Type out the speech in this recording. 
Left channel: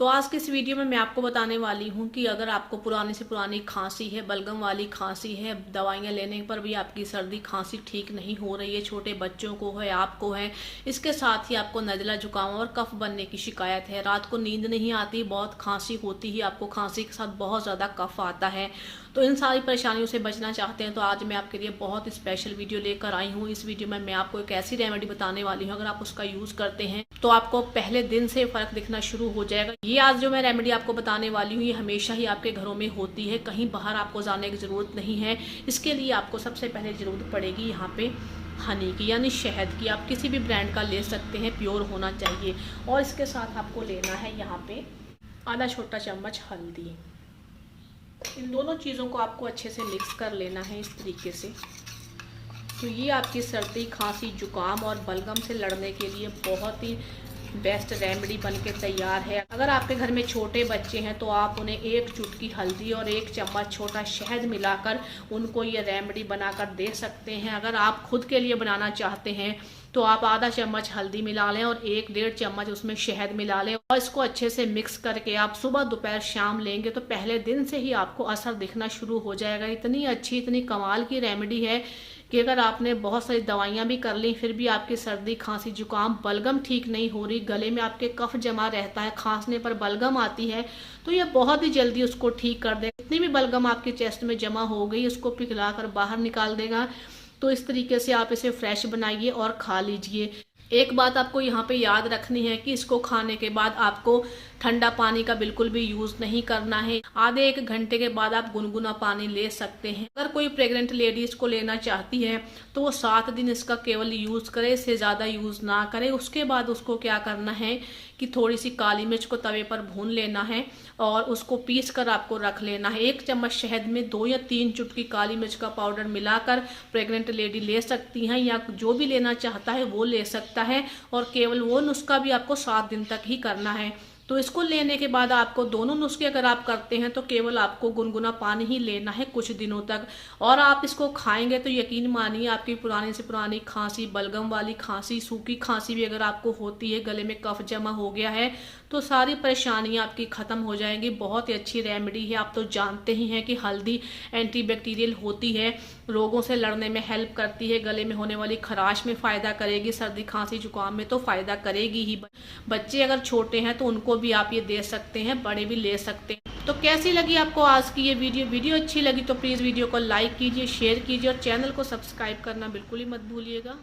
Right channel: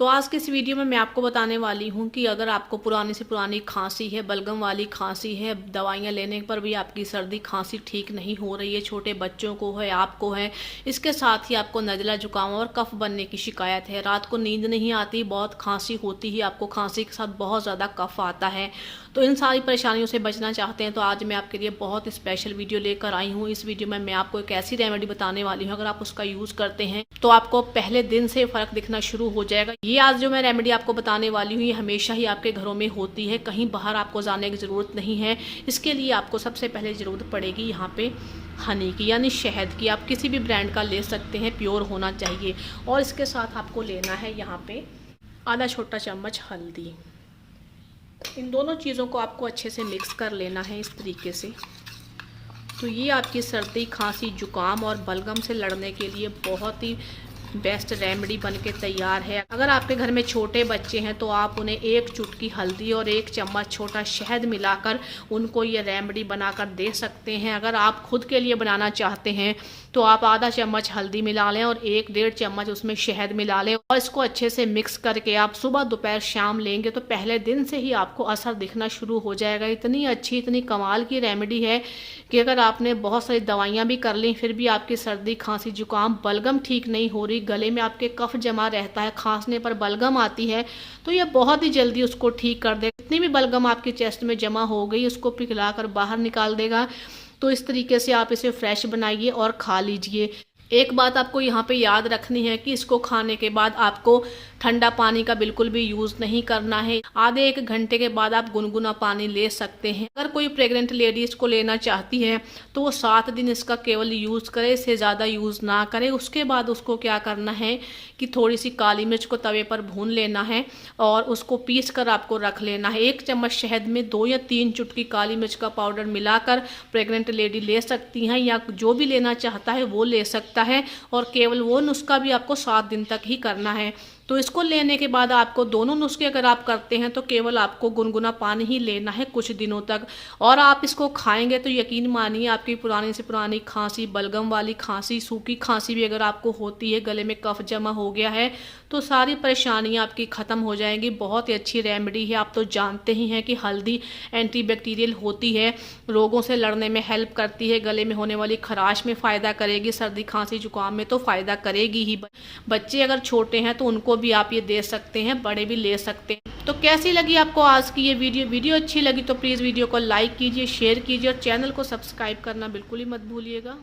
तो आज की इस वीडियो में मैं आपको बताने वाली हूँ कि अगर आपको पुरानी से पुरानी खांसी है, बलगम वाली खांसी है, दवाइयाँ लेने पर भी आपकी सर्दी खांसी ठीक नहीं हो रही है, छोटे बच्चों को है, आपको है, इसके साथ ही आपको नज़ला जुकाम और कफ बनने की शिकायत है, रात को नींद नहीं आती, बहुत खांसी होती है, आपको खांसी के साथ बहुत ज़्यादा कफ आता है, तो इन सारी परेशानियों से बचना चाहते हैं तो आज मैं आपके लिए बहुत स्पेशल वीडियो लेकर आई हूँ। इस वीडियो में मैं आपको एक ऐसी रेमेडी बताने वाली हूँ, अगर आप उसका यूज़ करते हैं तो आपको पहले दिन से फ़र्क दिखना शुरू हो जाएगा। ये आज जो मैं रेमेडी आपको बताने वाली हूँ ये हमेशा ही आपके घरों में होती है, कहीं बाहर आपको जाने की ज़रूरत नहीं है। इसके लिए आपको सबसे पहले ज़रूरत पड़ेगी यहाँ पे हनी की, यानी शहद की। आप किसी भी ब्रांड का ले सकते हैं, प्योर होना चाहिए। और इसके साथ आपको लेना है यहाँ पे आधा छोटा चम्मच हल्दी। इन दोनों चीज़ों को आपको अच्छे से मिक्स कर लेना है इस तरीके से। तो ये आपकी सर्दी, खांसी, जुकाम और बलगम से लड़ने के लिए बहुत ही बेस्ट रेमेडी बनके तैयार है। अगर आपके घर में छोटे बच्चे हैं तो आप उन्हें एक चुटकी हल्दी और एक चम्मच छोटा शहद मिलाकर उनको ये रेमेडी बनाकर दे सकते हैं। अगर आप खुद के लिए बनाना चाहते हैं तो आप आधा चम्मच हल्दी मिला लें और 1-1.5 चम्मच उसमें शहद मिला लें और इसको अच्छे से मिक्स करके आप सुबह दोपहर शाम लेंगे तो पहले दिन से ही आपको असर दिखना शुरू हो जाएगा। इतनी अच्छी, इतनी कमाल की रेमेडी है कि अगर आपने बहुत सारी दवाइयाँ भी कर ली फिर भी आपकी सर्दी, खांसी, जुकाम, बलगम ठीक नहीं हो रही, गले में आपके कफ जमा रहता है, खांसने पर बलगम आती है, तो ये बहुत ही जल्दी उसको ठीक कर देगा। जितनी भी बलगम आपके चेस्ट में जमा हो गई उसको पिघलाकर बाहर निकाल देगा। तो इस तरीके से आप इसे फ्रेश बनाइए और खा लीजिए। एक बात आपको यहाँ पे याद रखनी है कि इसको खाने के बाद आपको ठंडा पानी का बिल्कुल भी यूज़ नहीं करना है। आधे 1 घंटे के बाद आप गुनगुना पानी ले सकते हैं। अगर कोई प्रेग्नेंट लेडी इसको लेना चाहती है तो वो 7 दिन इसका केवल यूज़ करे, इससे ज़्यादा यूज़ ना करे। उसके बाद उसको क्या करना है कि थोड़ी सी काली मिर्च को तवे पर भून लेना है और उसको पीस कर आपको रख लेना है। 1 चम्मच शहद में 2 या 3 चुटकी काली मिर्च का पाउडर मिलाकर प्रेग्नेंट लेडी ले सकती हैं, या जो भी लेना चाहता है वो ले सकता है। और केवल वो नुस्खा भी आपको 7 दिन तक ही करना है। तो इसको लेने के बाद आपको दोनों नुस्खे अगर आप करते हैं तो केवल आपको गुनगुना पानी ही लेना है कुछ दिनों तक, और आप इसको खाएंगे तो यकीन मानिए आपकी पुरानी से पुरानी खांसी, बलगम वाली खांसी, सूखी खांसी भी अगर आपको होती है, गले में कफ जमा हो गया है, तो सारी परेशानियां आपकी ख़त्म हो जाएंगी। बहुत ही अच्छी रेमेडी है। आप तो जानते ही हैं कि हल्दी एंटीबैक्टीरियल होती है, रोगों से लड़ने में हेल्प करती है, गले में होने वाली खराश में फ़ायदा करेगी, सर्दी, खांसी, जुकाम में तो फ़ायदा करेगी ही। बच्चे अगर छोटे हैं तो उनको भी आप ये दे सकते हैं, बड़े भी ले सकते हैं। तो कैसी लगी आपको आज की ये वीडियो अच्छी लगी तो प्लीज़ वीडियो को लाइक कीजिए, शेयर कीजिए और चैनल को सब्सक्राइब करना बिल्कुल ही मत भूलिएगा।